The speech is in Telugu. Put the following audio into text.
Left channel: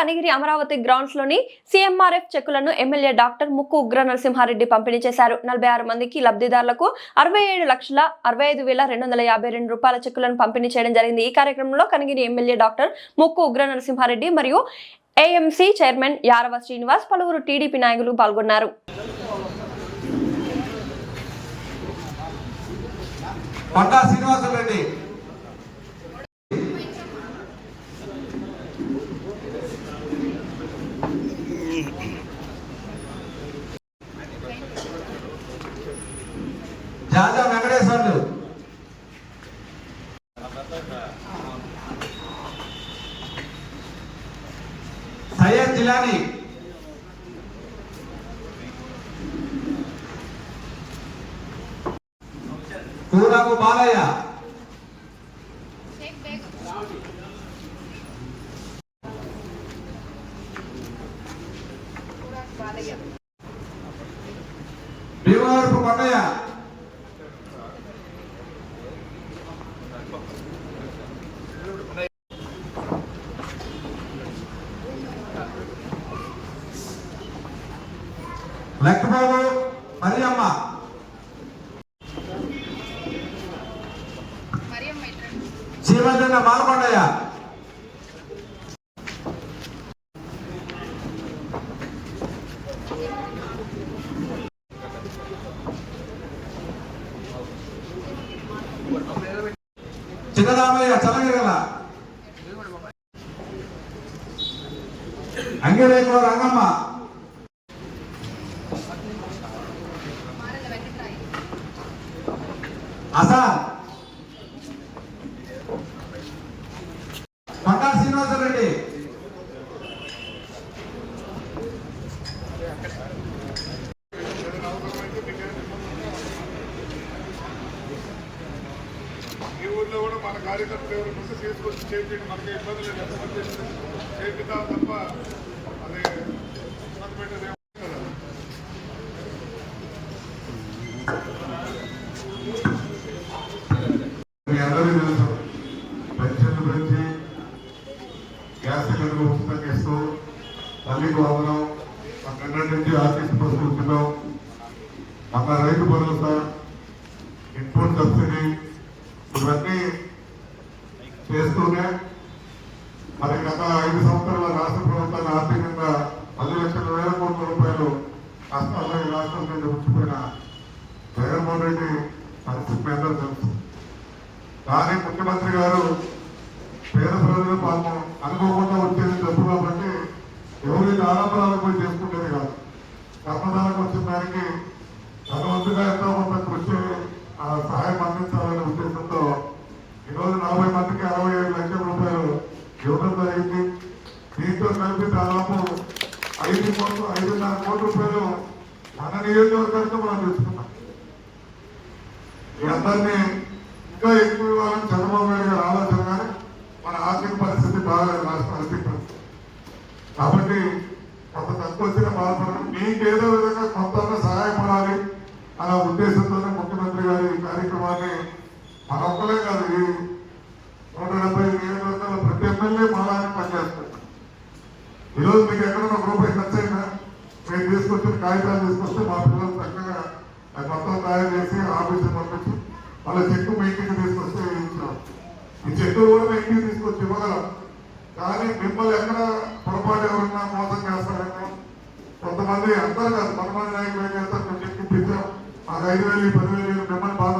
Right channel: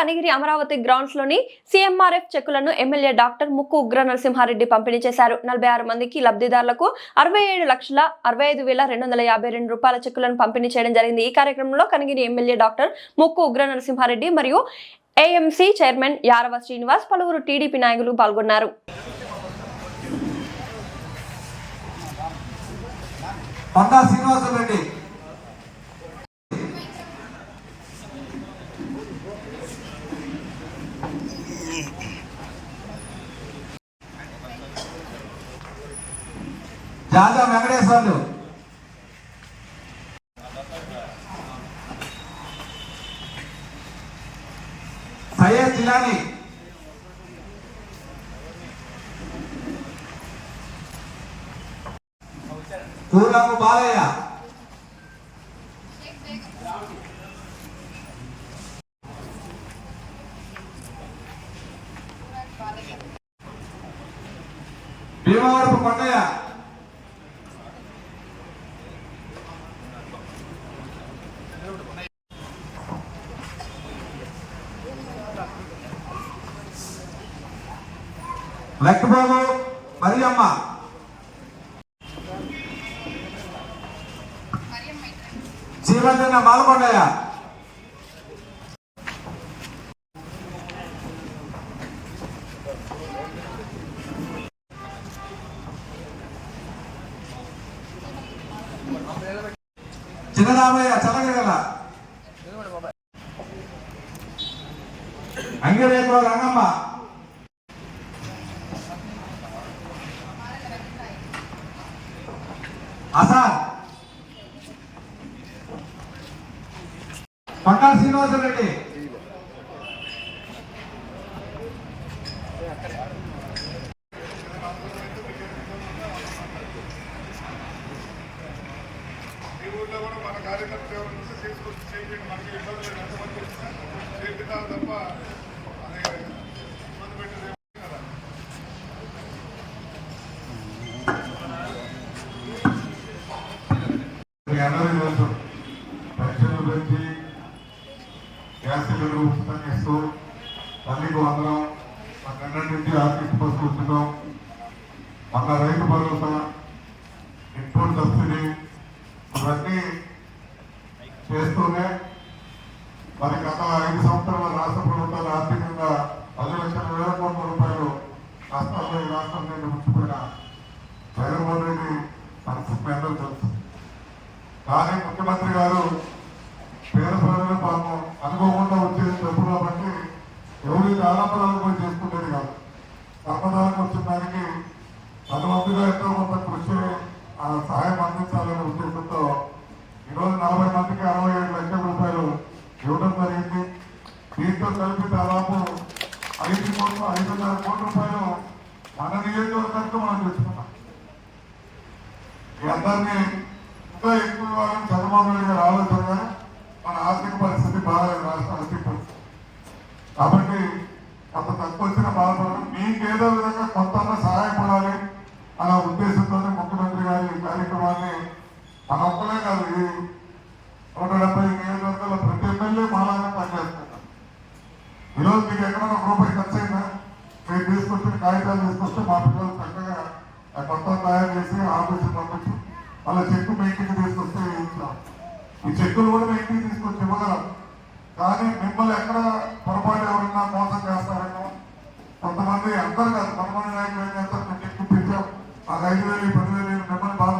కనిగిరి అమరావతి గ్రౌండ్స్ లోని సీఎంఆర్ఎఫ్ చెక్కులను ఎమ్మెల్యే డాక్టర్ ముక్కు ఉగ్ర నరసింహారెడ్డి పంపిణీ చేశారు. 46 మందికి లబ్ధిదారులకు 67,65,252 రూపాయల చెక్కులను పంపిణీ చేయడం జరిగింది. ఈ కార్యక్రమంలో కనిగిరి ఎమ్మెల్యే డాక్టర్ ముక్కు ఉగ్ర నరసింహారెడ్డి మరియు ఏఎంసీ చైర్మన్ యారవ శ్రీనివాస్, పలువురు టీడీపీ నాయకులు పాల్గొన్నారు. జాజా వెంకటేశ్వర్లు, సయ్యద్ జిలానీ, చూడకు బాలయ్య, భీమవరపు కొండయ్య, లక్ష్మబాబు, మరియమ్మ, చీమర్దన్న మాలకొండయ్య, చిన్నరామయ్య చలగిరల, అంగిరేశ్వర రంగమ్మ, అసాం, పట్టాల శ్రీనివాసరెడ్డి, ఈ ఊర్లో కూడా మన కార్యకర్తలు ఎవరు ఉంటే తీసుకొచ్చి చేపిండి మనకి ఇబ్బంది లేదు. ఎంతమంది చేసినా చేపిద్దాం తప్ప అది ఇబ్బంది పెట్టేది కదా. మీ అందరికీ తెలుసు, పెన్షన్ గురించి, గ్యాస్ సిలిండర్ ఉచితంగా ఇస్తూ, తల్లికి వందనం, నిన్నటి నుంచి ఆర్టీసీ బస్సు ఉచితం, మన రైతు భరోసా, ఇన్పుట్ సబ్సిడీ, ఇవన్నీ చేస్తూనే మరి గత 5 సంవత్సరాల రాష్ట్ర ప్రభుత్వాన్ని ఆర్థికంగా 10,00,000 కోట్ల రూపాయలు కష్టాల్లో ఈ రాష్ట్రం నుండి ఉంచిపోయిన జగన్మోహన్ రెడ్డి పరిస్థితి మీద తెలుసు. కానీ ముఖ్యమంత్రి గారు పేద ప్రజలు పాపం అనుకోకుండా వచ్చేది డబ్బు కాబట్టి ఎవరి ఆరోపణలపై చేసుకునేది కాదు. కర్మధారకు వచ్చిన దానికి తన వంతుగా ఎంతో కొంత కృషి సహాయం అందించాలనే ఉద్దేశంతో ఈరోజు 40 మందికి 67 లక్షల రూపాయలు ఇవ్వడం జరిగింది. దీంతో కలిపి దాదాపు 5,5,5,5 కోట్ల రూపాయలు మన నియోజకవర్గంలో మనం తెచ్చుకున్నాం. ఈ అందరినీ ఇంకా ఎక్కువ ఇవ్వాలని చంద్రబాబు నాయుడు గారు ఆలోచన, కానీ మన ఆర్థిక పరిస్థితి బాగా రాష్ట్ర ఆర్థిక పరిస్థితి కాబట్టి కొంత తక్కువ వచ్చిన బాధపడి మీకు ఏదో విధంగా కొంత సహాయపడాలి అనే ఉద్దేశంతోనే ముఖ్యమంత్రి గారు ఈ కార్యక్రమాన్ని మన ఒక్కలే కాదు, ఈ 170 నియోజకవర్గాల ప్రతి ఎమ్మెల్యే మనలాగా పనిచేస్తారు. ఈరోజు మీకు ఎక్కడ ఒక రూపాయి ఖర్చు అయినా నేను తీసుకొచ్చి కాగితాలు తీసుకొస్తే మా పిల్లలు చక్కగా మొత్తం తయారు చేసి ఆఫీసులు పంపించి వాళ్ళ చెక్కు మీ ఇంటికి తీసుకొచ్చి ఇచ్చాం. ఈ చెక్కులు కూడా మీ ఇంటికి తీసుకొచ్చి ఇవ్వగలం. కానీ మిమ్మల్ని ఎక్కడ పొరపాటు ఎవరైనా మోసం చేస్తారన్నా, కొంతమంది అందరూ కాదు, కొంతమంది నాయకులు ఏం చేస్తారు, మేము చెక్కు ఇప్పించాం, మాకు 5,000 10,000 మిమ్మల్ని బాధ